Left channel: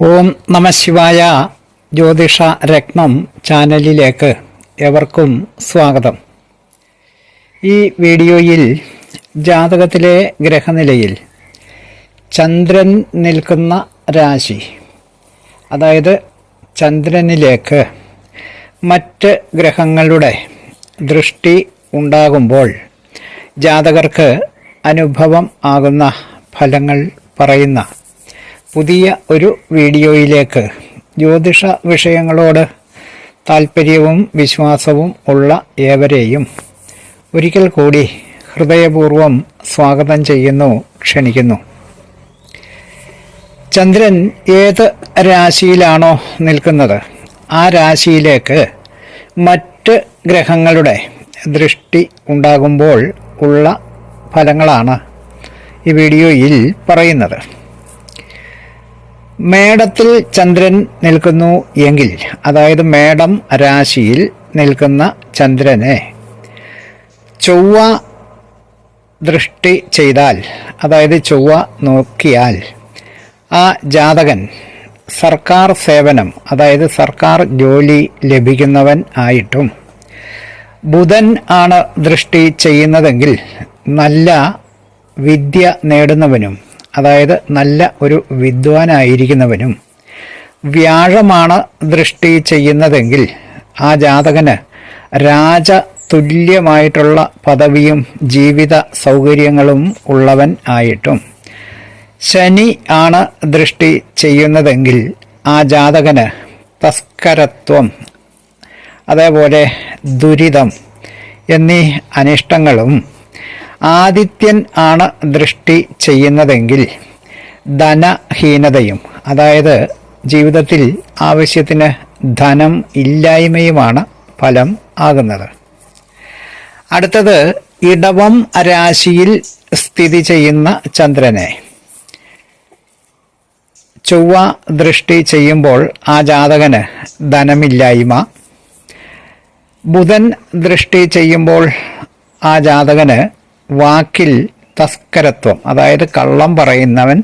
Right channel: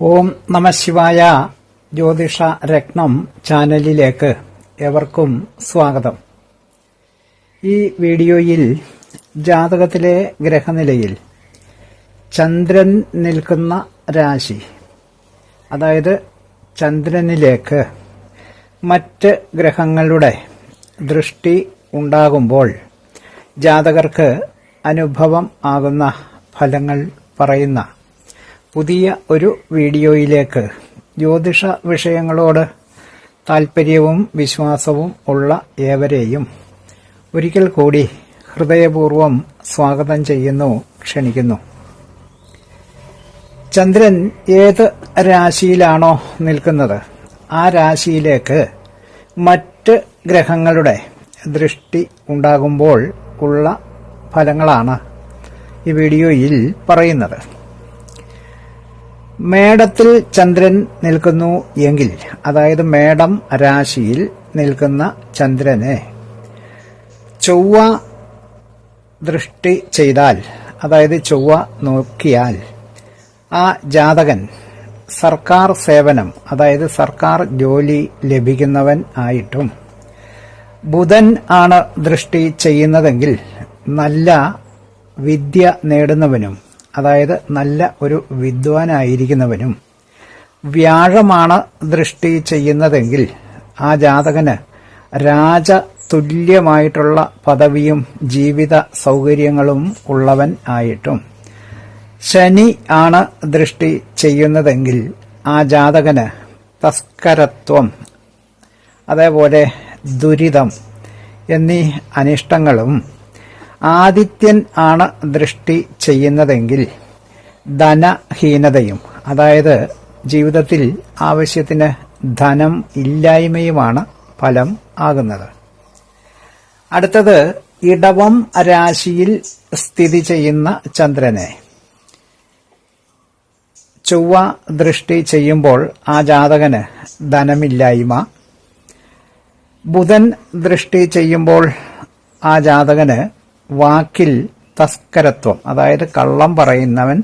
ഓം നമഃശിവായ. ജ്യോതിഷ രത്നം ചാനലിലേക്ക് ഏവർക്കും സ്വാഗതം. ഈ വീഡിയോയിൽ ജാതകത്തിലെ ഗ്രഹനിലയിൽ ചന്ദ്രൻ നിൽക്കുന്ന രാശി, അതായത് ചന്ദ്രനിലേക്ക് മറ്റ് ഗ്രഹങ്ങളുടെ ദൃഷ്ടി ഉണ്ടാകുമ്പോൾ ജാതകർക്ക് അനുഭവം ആകുന്ന ഫലങ്ങൾ പറയുന്ന പുതിയ ഒരു വീഡിയോയിലേക്ക് ജ്യോതിഷ വിഷയങ്ങളോട് താൽപ്പര്യവും വിശ്വാസവും ഉള്ള ഏവരെയും ഒരിക്കൽ കൂടി ഹൃദയപൂർവ്വം സ്വാഗതം ചെയ്യുന്നു, ക്ഷണിക്കുന്നു. ചന്ദ്രൻ ഏത് രാശിയിലാണോ നിൽക്കുന്നത് ആ രാശിയിലേക്ക് മറ്റ് ഗ്രഹങ്ങളുടെ ദൃഷ്ടി ഉണ്ടാകുമ്പോൾ ഉള്ള ഫലങ്ങളാണ് ഈ വീഡിയോയിൽ പറയുന്നത്. മേടത്തിൽ ചന്ദ്രൻ നിൽക്കുന്നു എങ്കിൽ, അതായത് മേടം രാശിയിൽ നിൽക്കുന്ന ചന്ദ്രനെ ചൊവ്വ ദൃഷ്ടി ചെയ്താൽ, അതായത് ചൊവ്വ നോക്കിയാൽ, ആ ജാതകൻ സർക്കാർ സേവനം, അതായത് സർക്കാർ ജോലി ലഭിക്കുന്നവൻ ആയിട്ടും, ബുധൻ ആണ് ദൃഷ്ടി ചെയ്യുന്നതെങ്കിൽ നല്ല വിദ്യ നേടുന്നവനും, അതായത് നല്ല ഒരു വിദ്വാനായിരിക്കുന്നവനും, വ്യാഴമാണ് ദൃഷ്ടി ചെയ്യുന്നതെങ്കിൽ ആ ജാതകന് രാജതുല്യമായിട്ടുള്ള പദവിയും ജീവിത സൗകര്യങ്ങളും ഉള്ളവൻ ആയിട്ടും, ശനി ആണ് ദൃഷ്ടി ചെയ്യുന്നതെങ്കിൽ ആ ജാതകന് തസ്കരത്വം, അതേപോലെ ദുരിതം എന്നീ അനിഷ്ടങ്ങളും, ആദിത്യൻ ആണ് ദൃഷ്ടി ചെയ്യുന്നതെങ്കിൽ ധനഹീനതയും, അതായത് ജീവിതത്തിൽ ആവശ്യത്തിന് ധനം ഇല്ലായ്മയുമാണ് ഫലം ആകുന്നത്. അടുത്തത് ഇടവം രാശിയിൽ സ്ഥിതി ചെയ്യുന്ന ചന്ദ്രനെ ചൊവ്വ ദൃഷ്ടി ചെയ്യുമ്പോൾ ആ ജാതകന് ധനമില്ലായ്മ, ബുധൻ ദൃഷ്ടി ചെയ്യുമ്പോൾ ആ ജാതകന് വാക്കിൽ തസ്കരത്വം, അതായത് കള്ളം പറയുന്നവൻ,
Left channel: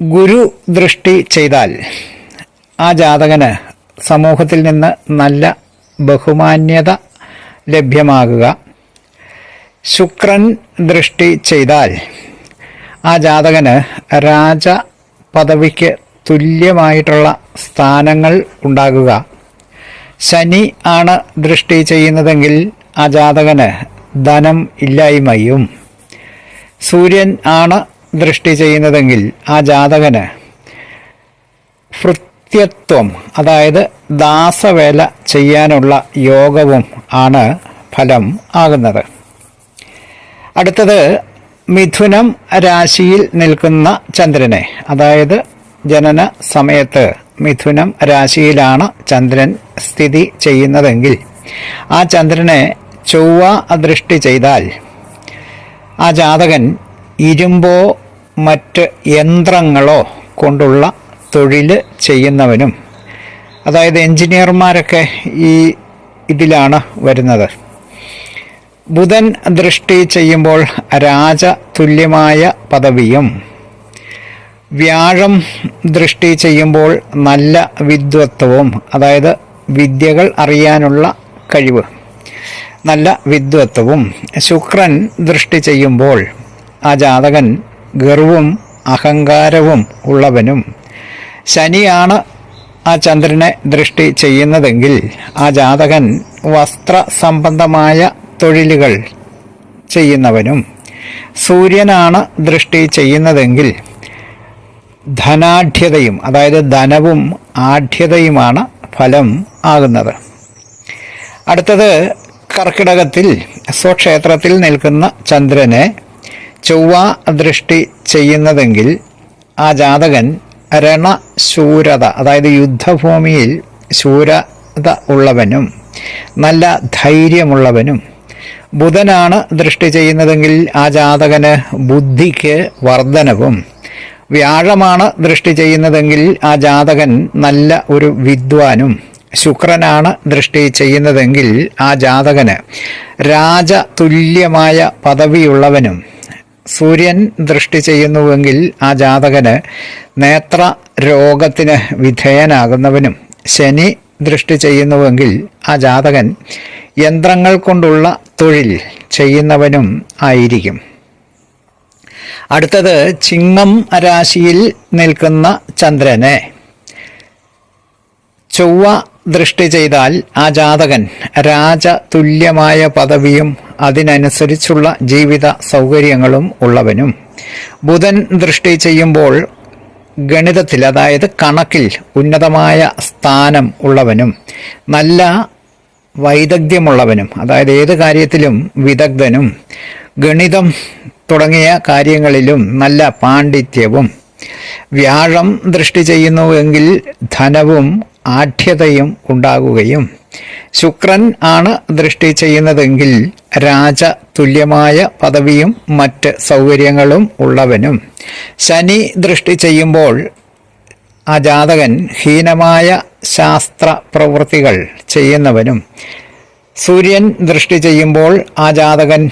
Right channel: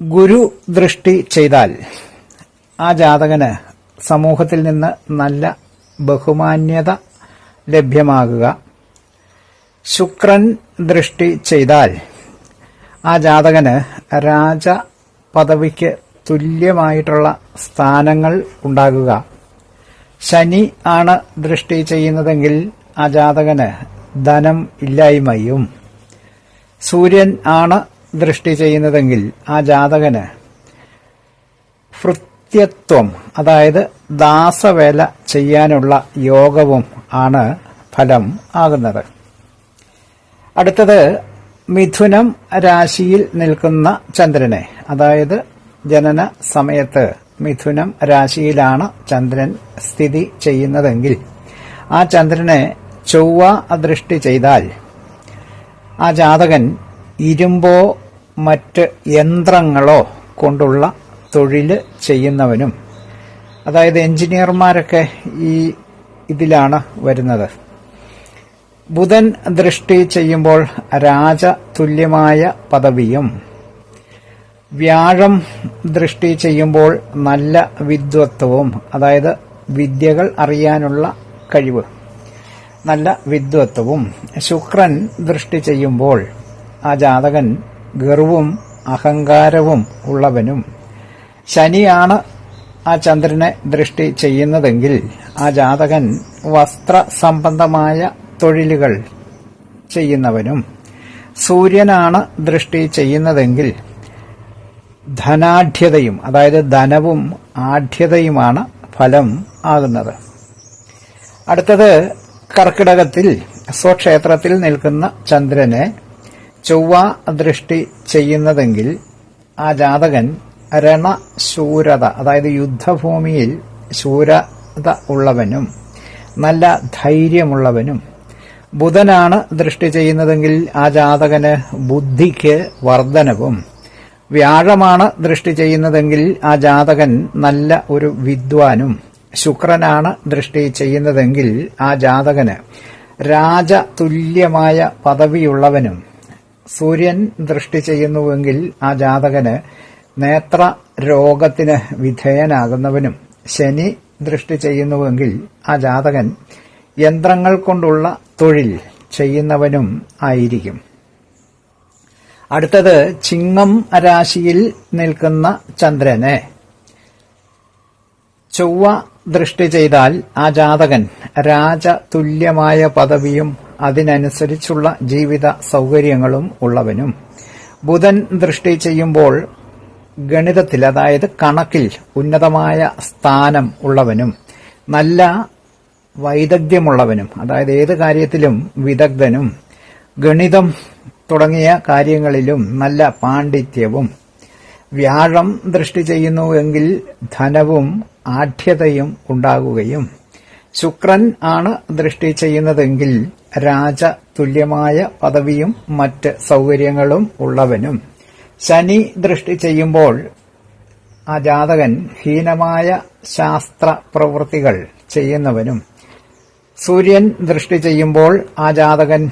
ഗുരു ദൃഷ്ടി ചെയ്താൽ ആ ജാതകന് സമൂഹത്തിൽ നിന്ന് നല്ല ബഹുമാന്യത ലഭ്യമാകുക, ശുക്രൻ ദൃഷ്ടി ചെയ്താൽ ആ ജാതകന് രാജ പദവിക്ക് തുല്യമായിട്ടുള്ള സ്ഥാനങ്ങൾ ഉണ്ടാകുക, ശനി ആണ് ദൃഷ്ടി ചെയ്യുന്നതെങ്കിൽ ആ ജാതകന് ധനം ഇല്ലായ്മയും, സൂര്യൻ ആണ് ദൃഷ്ടി ചെയ്യുന്നതെങ്കിൽ ആ ജാതകന് ഭൃത്യത്വം, അതായത് ദാസവേല ചെയ്യാനുള്ള യോഗവും ആണ് ഫലം ആകുന്നത്. അടുത്തത് മിഥുനം രാശിയിൽ നിൽക്കുന്ന ചന്ദ്രനെ, അതായത് ജനന സമയത്ത് മിഥുനം രാശിയിലാണ് ചന്ദ്രൻ സ്ഥിതി ചെയ്യുന്നതെങ്കിൽ ആ ചന്ദ്രനെ ചൊവ്വ ദൃഷ്ടി ചെയ്താൽ ആ ജാതകൻ ഇരുമ്പോ മറ്റ് യന്ത്രങ്ങളോ കൊണ്ടുള്ള തൊഴിൽ ചെയ്യുന്നവനും, അതായത് എഞ്ചിനീയർമാരൊക്കെ ഈ ഇതിലാണ് വരുന്നത്. ബുധൻ ദൃഷ്ടി ചെയ്യുമ്പോൾ രാജതുല്യമായ പദവിയും, വ്യാഴം ദൃഷ്ടി ചെയ്യുമ്പോൾ നല്ല വിദ്വത്വവും, അതായത് വിദ്യകൾ അറിയാനുള്ള കഴിവ്, നല്ല വിദ്വത്വവും, ശുക്രൻ ദൃഷ്ടി ചെയ്യുമ്പോൾ ആ ജാതകൻ ഗർവും അഹങ്കാരവും ഉള്ളവനും, ശനിയാണ് ആ ചന്ദ്രനെ ദൃഷ്ടി ചെയ്യുന്നതെങ്കിൽ ആ ജാതകൻ വസ്ത്ര സംബന്ധമായ തൊഴിലുകൾ ചെയ്യുന്നവനും, സൂര്യനാണ് ദൃഷ്ടി ചെയ്യുന്നതെങ്കിൽ ധനാഢ്യതയും, അതായത് ധനവും ആഢ്യതയുമാണ് ഫലം ആകുന്നത്. അടുത്തത് കർക്കിടകത്തിൽ സ്വക്ഷേത്രത്തിൽ നിൽക്കുന്ന ചന്ദ്രനെ ചൊവ്വ ദൃഷ്ടി ചെയ്യുന്നതെങ്കിൽ ആ ജാതകൻ രണശൂരത, അതായത് യുദ്ധഭൂമിയിൽ ശൂരത ഉള്ളവനും നല്ല ധൈര്യമുള്ളവനും, ബുധനാണ് ദൃഷ്ടി ചെയ്യുന്നതെങ്കിൽ ആ ജാതകന് ബുദ്ധിക്ക് വർധനവും, വ്യാഴമാണ് ദൃഷ്ടി ചെയ്യുന്നതെങ്കിൽ ആ ജാതകൻ നല്ല ഒരു വിദ്വാനും, ശുക്രനാണ് ദൃഷ്ടി ചെയ്യുന്നതെങ്കിൽ ആ ജാതകന് രാജതുല്യമായ പദവിയുള്ളവനും, സൂര്യൻ ദൃഷ്ടി ചെയ്യുന്നുവെങ്കിൽ ആ ജാതകന് നേത്ര രോഗത്തിന് വിധേയനാകുന്നവനും, ശനി ദൃഷ്ടി ചെയ്യുന്നുവെങ്കിൽ ആ ജാതകൻ യന്ത്രങ്ങൾ കൊണ്ടുള്ള തൊഴിൽ ചെയ്യുന്നവനും ആയിരിക്കും. അടുത്തത് ചിങ്ങം രാശിയിൽ നിൽക്കുന്ന ചന്ദ്രനെ ചൊവ്വ ദൃഷ്ടി ചെയ്താൽ ആ ജാതകൻ രാജതുല്യമായ പദവിയും അതിനനുസരിച്ചുള്ള ജീവിത സൗകര്യങ്ങളും ഉള്ളവനും, ബുധൻ ദൃഷ്ടി ചെയ്യുമ്പോൾ ഗണിതത്തിൽ അതായത് കണക്കിൽ ഉന്നതമായ സ്ഥാനം ഉള്ളവനും, നല്ല വൈദഗ്ധ്യമുള്ളവനും അതായത് ഏത് കാര്യത്തിലും വിദഗ്ധനും, ഗണിതം തുടങ്ങിയ കാര്യങ്ങളിലും നല്ല പാണ്ഡിത്യവും, വ്യാഴം ദൃഷ്ടി ചെയ്യുന്നുവെങ്കിൽ ധനവും ആഢ്യതയും ഉണ്ടാകുകയും, ശുക്രൻ ആണ് ദൃഷ്ടി ചെയ്യുന്നതെങ്കിൽ രാജതുല്യമായ പദവിയും മറ്റ് സൗകര്യങ്ങളും ഉള്ളവനും, ശനി ദൃഷ്ടി ചെയ്യുമ്പോൾ ആ ജാതകൻ ഹീനമായ ശാസ്ത്ര പ്രവൃത്തികൾ ചെയ്യുന്നവനും, സൂര്യൻ ദൃഷ്ടി ചെയ്യുമ്പോൾ ആ ജാതകൻ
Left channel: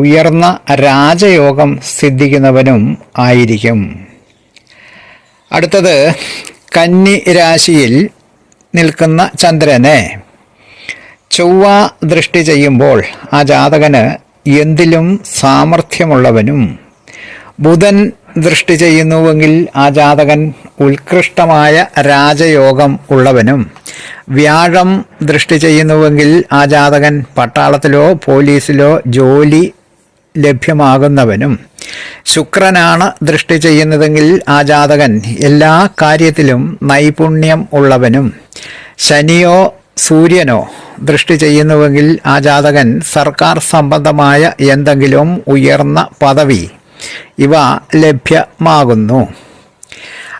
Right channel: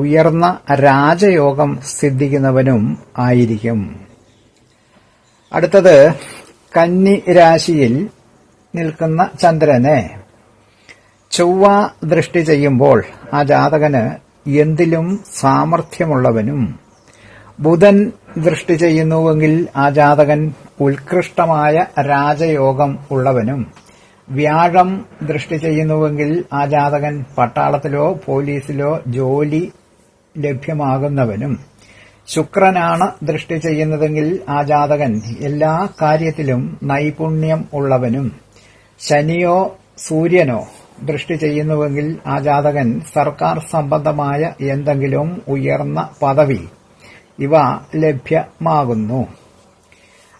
ഉയർന്ന രാജയോഗം സിദ്ധിക്കുന്നവനും ആയിരിക്കും. അടുത്തത് കന്നി രാശിയിൽ നിൽക്കുന്ന ചന്ദ്രനെ ചൊവ്വ ദൃഷ്ടി ചെയ്യുമ്പോൾ ആ ജാതകന് എന്തിലും സാമർഥ്യമുള്ളവനും, ബുധൻ ദൃഷ്ടി ചെയ്യുന്നുവെങ്കിൽ ആ ജാതകൻ ഉത്കൃഷ്ടമായ രാജയോഗം ഉള്ളവനും, വ്യാഴം ദൃഷ്ടി ചെയ്യുന്നുവെങ്കിൽ ആ ജാതകൻ പട്ടാളത്തിലോ പോലീസിലോ ജോലി ലഭ്യമാകുന്നവനും, ശുക്രനാണ് ദൃഷ്ടി ചെയ്യുന്നതെങ്കിൽ ആ ജാതകൻ എല്ലാ കാര്യത്തിലും നൈപുണ്യം ഉള്ളവനും, ശനിയോ സൂര്യനോ ദൃഷ്ടി ചെയ്യുന്നുവെങ്കിൽ ആ ജാതകൻ സർക്കാർ സംബന്ധമായ എന്തെങ്കിലും ഉയർന്ന പദവി ഇവ ലഭ്യമാകുന്നു.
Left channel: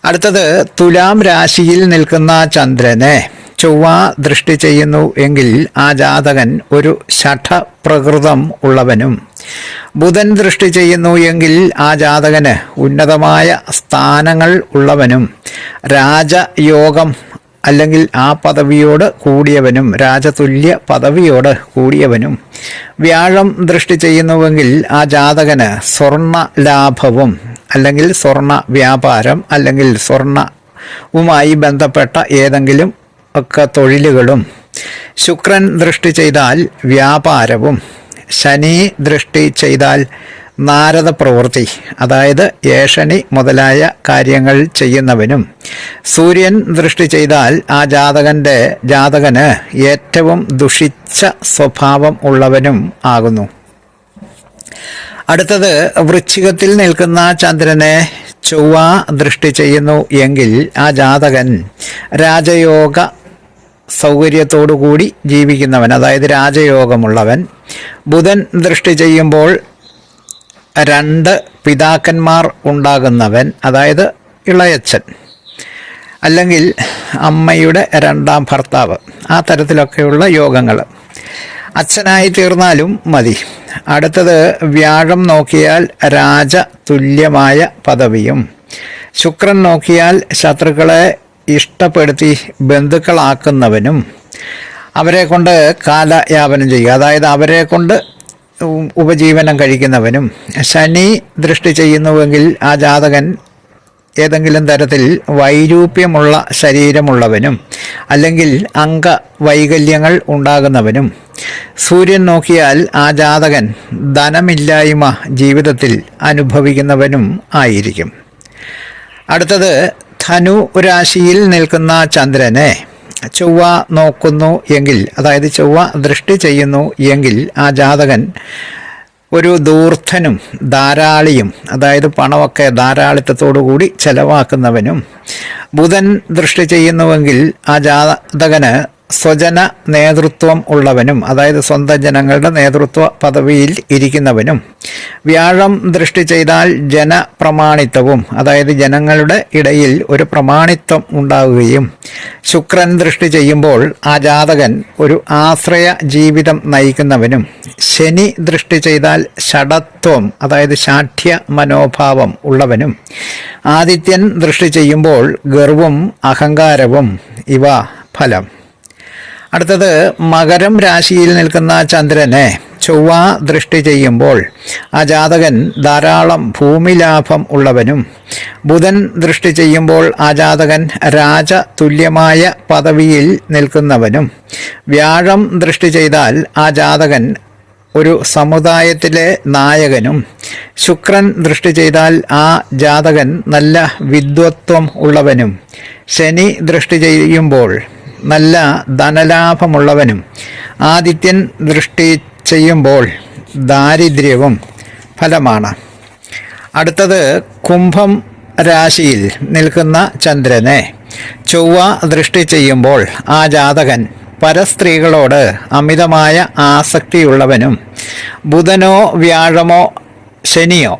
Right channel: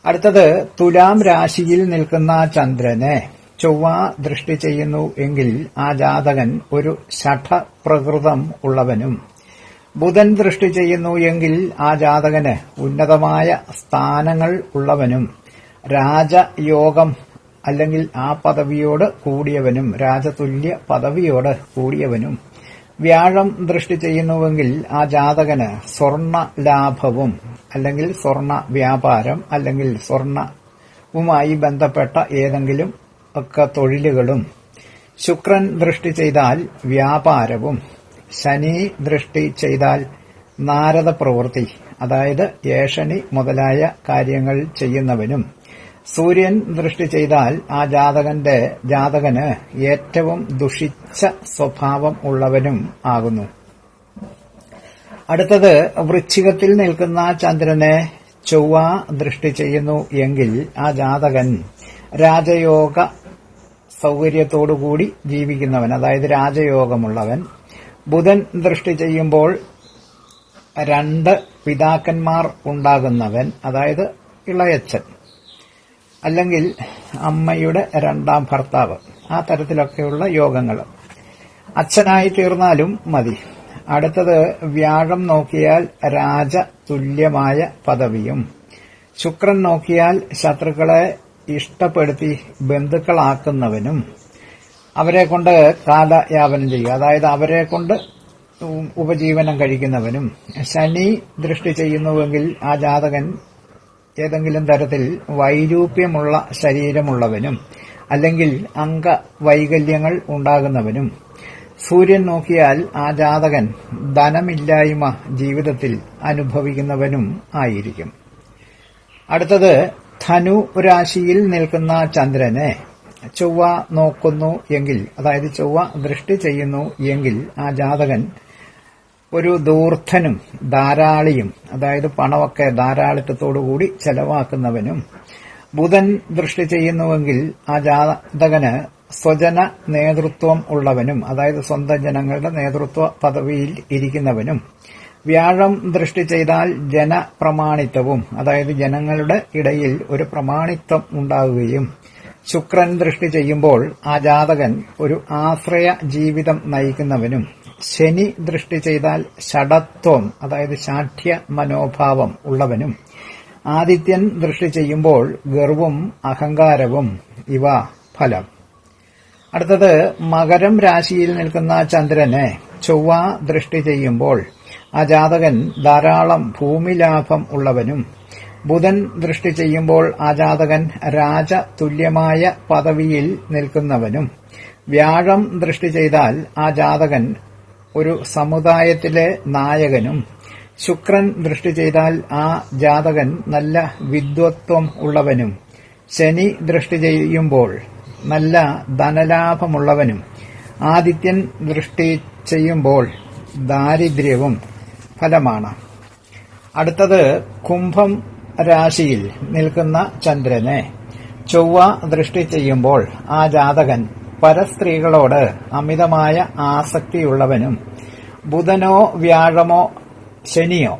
അടുത്തത് തുലാം രാശിയിൽ നിൽക്കുന്ന ചന്ദ്രനെ ചൊവ്വ ദൃഷ്ടി ചെയ്യുന്നു എങ്കിൽ ആ ജാതകൻ ഒരു ശഠപ്രകൃതം ഉള്ളവനും, ബുധൻ ദൃഷ്ടി ചെയ്യുന്നു എങ്കിൽ ആ ജാതകന് ഉന്നതമായ സ്ഥാനങ്ങൾ ഉള്ളവനും, രാജയോഗം അല്ലെങ്കിൽ ആ പദവിയോട് കൂടിയവനും, രാജതുല്യ പദവിയോട് കൂടിയവനും, വ്യാഴം ദൃഷ്ടി ചെയ്യുന്നുവെങ്കിൽ ആ ജാതകന് സ്വർണ്ണ ലാഭവും അല്ലെങ്കിൽ സ്വർണ്ണ വ്യാപാരം അല്ലെങ്കിൽ സ്വർണ്ണവുമായി ബന്ധപ്പെട്ട ഏതെങ്കിലും ഒക്കെ തൊഴിലുകളും, ശുക്രൻ ദൃഷ്ടി ചെയ്താൽ വ്യാപാരവും, ശനി ദൃഷ്ടി ചെയ്താൽ നാരദ പ്രവൃത്തി അതായത് ഏഷണി മുതലായ കാര്യങ്ങൾ ചെയ്യുന്നവനും, സൂര്യൻ ദൃഷ്ടി ചെയ്താൽ ആ ജാതകന് ഏറ്റവും ദുഷിച്ച സ്വഭാവം ഉള്ളവനും ആകുന്നു. അടുത്തത് വൃശ്ചികത്തിൽ നിൽക്കുന്ന ചന്ദ്രനെ ചൊവ്വ ദൃഷ്ടി ചെയ്യുന്നു എങ്കിൽ ആ ജാതകൻ രാജയോഗ സൗകര്യത്തോടുകൂടി ജീവിക്കുന്നവൻ അതായത് രാജയോഗമുള്ളവൻ, ബുധൻ ദൃഷ്ടി ചെയ്യുമ്പോൾ 2 പിതാക്കന്മാർ ഉണ്ടാകുന്നവൻ അതായത് ഇളയച്ചൻ അല്ലെങ്കിൽ അമ്മയുടെ 2ാം ഭർത്താവ്, ആ തരത്തിലൊക്കെയുള്ള യോഗങ്ങൾ, അച്ഛനായി തീർന്നാലും മതി. അടുത്തത് വ്യാഴം നോക്കിയാൽ രാജതുല്യമായ പദവിയും, ശുക്രൻ നോക്കിയാൽ ശത്രുക്കളെ ഇഷ്ടപ്പെടുത്തി ബന്ധുക്കളാക്കുന്നവനും, അവരെ കൊണ്ട് കാലയാപനം ചെയ്യുക അതായത് അവരെ കൊണ്ട് ഉപജീവനം കഴിക്കുന്നവനും, ശനി ദൃഷ്ടി ചെയ്യുന്നുവെങ്കിൽ ആ ജാതകൻ ഏതെങ്കിലും തരത്തിൽ വൈരൂപ്യമുള്ള ശരീരമുള്ളവനും അല്ലെങ്കിൽ അംഗവൈകല്യങ്ങൾ ഉണ്ടാകുന്നവനും, സൂര്യൻ നോക്കിയാൽ ആ ജാതകൻ ധനമില്ലായ്മ ജീവിതത്തിൽ അനുഭവിക്കുന്നവനും ആയിരിക്കും. അടുത്തത് ധനു രാശിയിൽ നിൽക്കുന്ന ചന്ദ്രനെ ചൊവ്വ നോക്കുന്നു എങ്കിൽ അതായത് ചൊവ്വ ദൃഷ്ടി ചെയ്യുന്നു എങ്കിൽ ആ ജാതകൻ ഒരു ധൂർത്തനും ധാരാളിയും അതായത് പണമൊക്കെ ധാരാളിത്തത്തോടു കൂടി ചെലവാക്കുന്നവനും, ബുധൻ ദൃഷ്ടി ചെയ്യുന്നുവെങ്കിൽ ആ ജാതകന് സ്വജന നേതൃത്വം ഉള്ളവനും അതായത് സ്വന്തം ജനങ്ങളുടെ നേതൃത്വ പദവിയിൽ ഇരിക്കുന്നവനും, വ്യാഴം ദൃഷ്ടി ചെയ്താൽ ജനപ്രമാണിത്വവും അതായത് ജനങ്ങളുടെ ഇടയിൽ ഒരു പ്രമാണിത്വം ഉണ്ടാവുകയും, ശുക്രൻ ദൃഷ്ടി ചെയ്യുമ്പോൾ ആ ജാതകൻ ഒരു ആശ്രയ ജീവിതം നയിക്കുന്നവനും, ശനി ദൃഷ്ടി ചെയ്താൽ ഷഡത്വം അതായത് ശാഠ്യ മനോഭാവം ഉള്ളവനും, ആദിത്യൻ ദൃഷ്ടി ചെയ്യുമ്പോൾ ഗർവും അഹങ്കാരവും ഇവ ഫലം. അടുത്തത് മകരം രാശിയിൽ നിൽക്കുന്ന ചന്ദ്രനെ ചൊവ്വ ദൃഷ്ടി ചെയ്യുമ്പോൾ ആ ജാതകൻ ധാരാളം ഭൂമി ലാഭം ഉള്ളവനും, ബുധൻ ദൃഷ്ടി ചെയ്യുമ്പോൾ ആ ജാതകൻ രാജ തുല്യമായ പദവിയിൽ നിൽക്കുന്നവനും, വ്യാഴം ദൃഷ്ടി ചെയ്താൽ ആ ജാതകൻ ഒരു സമുദായത്തിലെ നായകനും, ശുക്രൻ ദൃഷ്ടി ചെയ്താൽ ആ ജാതകൻ നല്ല വിദ്വത്വം ഉള്ളവനും, ശനി ദൃഷ്ടി ചെയ്യുമ്പോൾ നല്ല ധനലാഭമുള്ളവനും, ആദിത്യൻ ദൃഷ്ടി ചെയ്യുമ്പോൾ ദാരിദ്ര്യവും ഫലമാണ്. അടുത്തത് കുംഭം രാശിയിൽ നിൽക്കുന്ന ചന്ദ്രനെ ചൊവ്വ ദൃഷ്ടി ചെയ്യുമ്പോൾ ആ ജാതകൻ പരസ്ത്രീകളോട് അമിതമായ ആസക്തിയുള്ളവനും, ബുധനോ വ്യാഴമോ ശനിയോ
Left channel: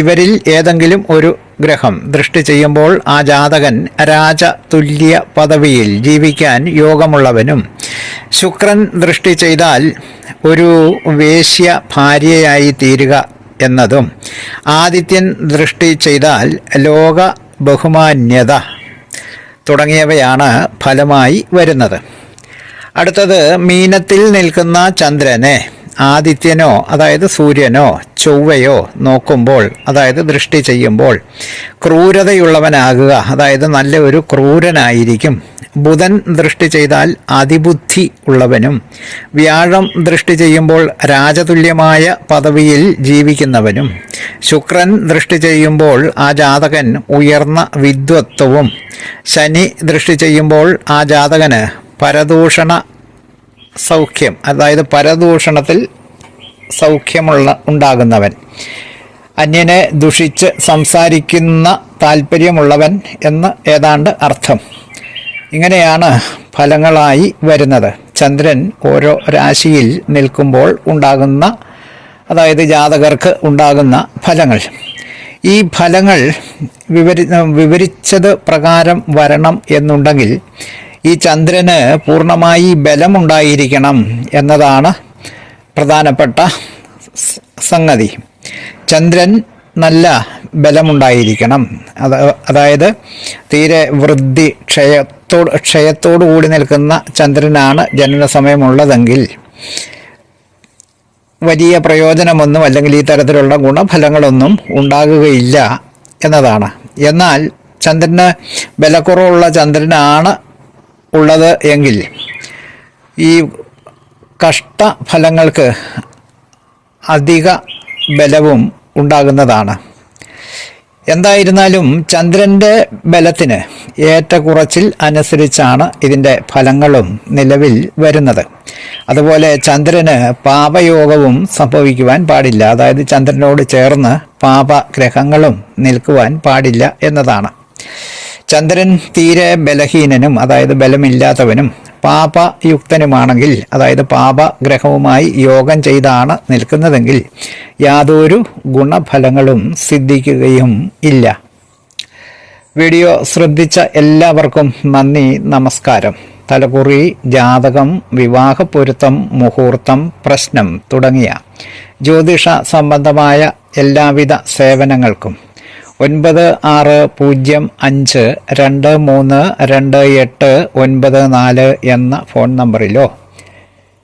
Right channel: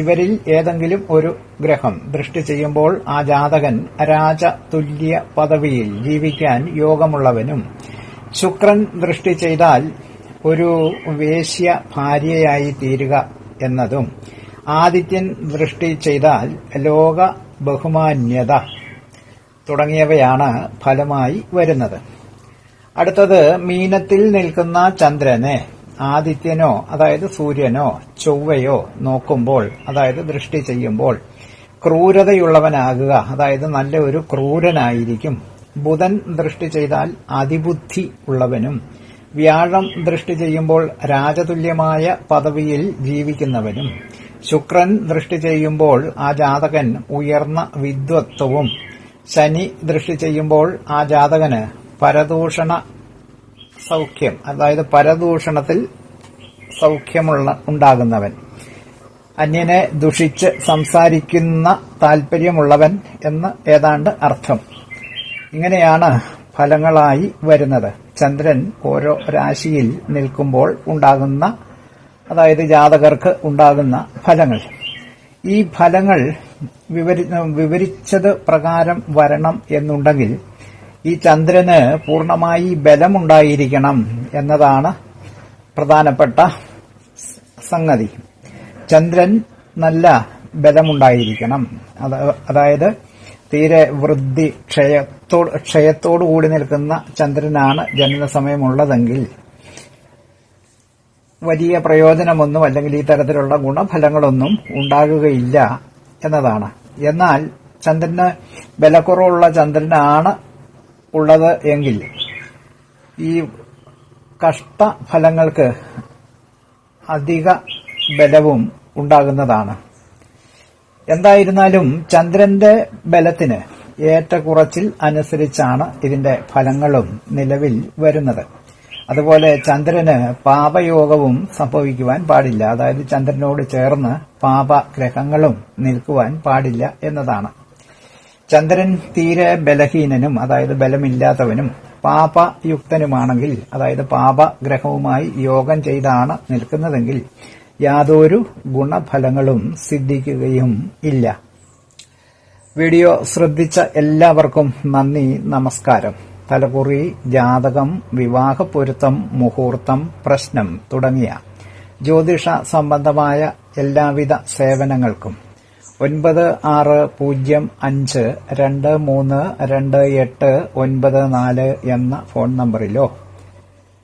ഇവരിൽ ഏതെങ്കിലും ഒരു ഗ്രഹം ദൃഷ്ടി ചെയ്യുമ്പോൾ ആ ജാതകൻ രാജതുല്യ പദവിയിൽ ജീവിക്കാൻ യോഗമുള്ളവനും, ശുക്രൻ ദൃഷ്ടി ചെയ്താൽ ഒരു വേശ്യ ഭാര്യയായി തീരുക എന്നതും, ആദിത്യൻ ദൃഷ്ടി ചെയ്താൽ ലോക ബഹുമാന്യത തുടങ്ങിയവയാണ് ഫലമായി വരുന്നത്. അടുത്തത് മീനത്തിൽ നിൽക്കുന്ന ചന്ദ്രനെ ആദിത്യനോ അതായത് സൂര്യനോ ചൊവ്വയോ നോക്കുമ്പോൾ അതായത് ദൃഷ്ടി ചെയ്യുമ്പോൾ ക്രൂരതയുള്ളവനാകുക, അതായത് നല്ല ഒരു ക്രൂരനായിരിക്കും. ബുധൻ ദൃഷ്ടി ചെയ്താൽ അതിബുദ്ധി ഉള്ളവനും, വ്യാഴം ദൃഷ്ടി ചെയ്യുമ്പോൾ രാജതുല്യമായ പദവിയിൽ ജീവിക്കുന്നവനും, ശുക്രൻ ദൃഷ്ടി ചെയ്യുമ്പോൾ ആ ജാതകൻ ഉയർന്ന വിദ്വത്വവും, ശനി ദൃഷ്ടി ചെയ്യുമ്പോൾ ആ ജാതകന് പരദൂഷണ സൗഖ്യം അതായത് പരദൂഷണത്തിൽ ഉണ്ടാകുന്നവൻ, അന്യനെ ദുഷിച്ച് സംസാരിക്കുന്ന താല്പര്യമുള്ളവൻ എന്ന് ഏതാണ്ട് അർത്ഥം. ഇങ്ങനെയാണ് ഫലങ്ങളായി വരുന്നത്. ചന്ദ്രൻ ഓരോ രാശിയിൽ നിൽക്കുമ്പോൾ ഉണ്ടാകുന്ന അതായത് ജാതകർക്ക് ഉണ്ടാകുന്ന ഫലങ്ങൾ. ഈ ഫലങ്ങൾ വിവരിച്ചത് പ്രകാരം വരണം എന്നുണ്ടെങ്കിൽ ഈ ചന്ദ്രന് പൂർണ്ണമായി ബലമുണ്ടായിരിക്കണം എന്നതാണ് പ്രധാനപ്പെട്ട സംഗതി. ചന്ദ്രൻ നല്ല ബലമുണ്ടായിരിക്കണം. അതായത് തീരെ വൃദ്ധി ക്ഷയത്തോടു കൂടി നിൽക്കുന്ന ചന്ദ്രനാണ് ജനനസമയമുള്ളതെങ്കിൽ വലിയ പ്രയോജനമൊന്നും അല്ലെങ്കിൽ ഈ തരത്തിലുള്ള ഗുണഫലങ്ങളൊന്നും ഉണ്ടാകുകയില്ല എന്നതാണ്. എന്നാൽ ചന്ദ്രന് ബലക്കുറവുള്ള ചന്ദ്രനാണ് ഉള്ളത് എങ്കിൽ ഈ കഷ്ടഫലങ്ങൾക്ക് അധിക ബലവും ഉണ്ടാകുന്നതാണ്. എന്തായിരുന്നാലും ചന്ദ്രൻ്റെ ബലത്തിന് ഏറ്റക്കുറച്ചിൽ അനുസരിച്ചാണ് ഇതിൻ്റെ ഫലങ്ങളും നിലവിൽ വരുന്നത്. അതുപോലെ ചന്ദ്രന് പാപയോഗവും സംഭവിക്കുവാൻ പാടില്ല. അതായത് ചന്ദ്രനോട് ചേർന്ന് പാപഗ്രഹങ്ങളും നിൽക്കുവാൻ പാടില്ല എന്നതാണ്. ചന്ദ്രൻ തീരെ ബലഹീനനും അതായത് ബലമില്ലാത്തവനും പാപയുക്തനുമാണെങ്കിൽ അതായത് പാപഗ്രഹവുമായി യോഗം ചെയ്താണ് നിൽക്കുന്നതെങ്കിൽ യാതൊരു ഗുണഫലങ്ങളും സിദ്ധിക്കുകയും ഇല്ല. വീഡിയോ ശ്രദ്ധിച്ച എല്ലാവർക്കും നന്ദി, നമസ്കാരം. തലകുറി, ജാതകം, വിവാഹപ്പൊരുത്തം, മുഹൂർത്തം, പ്രശ്നം തുടങ്ങിയ ജ്യോതിഷ സംബന്ധമായ എല്ലാവിധ സേവനങ്ങൾക്കും 9625232894 എന്ന ഫോൺ നമ്പറിലോ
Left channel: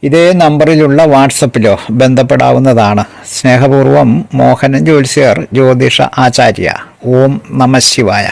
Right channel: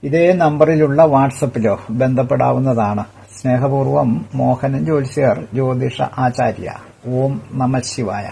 ഇതേ നമ്പറിലുള്ള വാട്സപ്പിലോ ബന്ധപ്പെടാവുന്നതാണ്. സ്നേഹപൂർവം മോഹനൻ ജ്യോത്സ്യർ, ജ്യോതിഷ ആചാര്യ. ഓം നമഃ ശിവായ.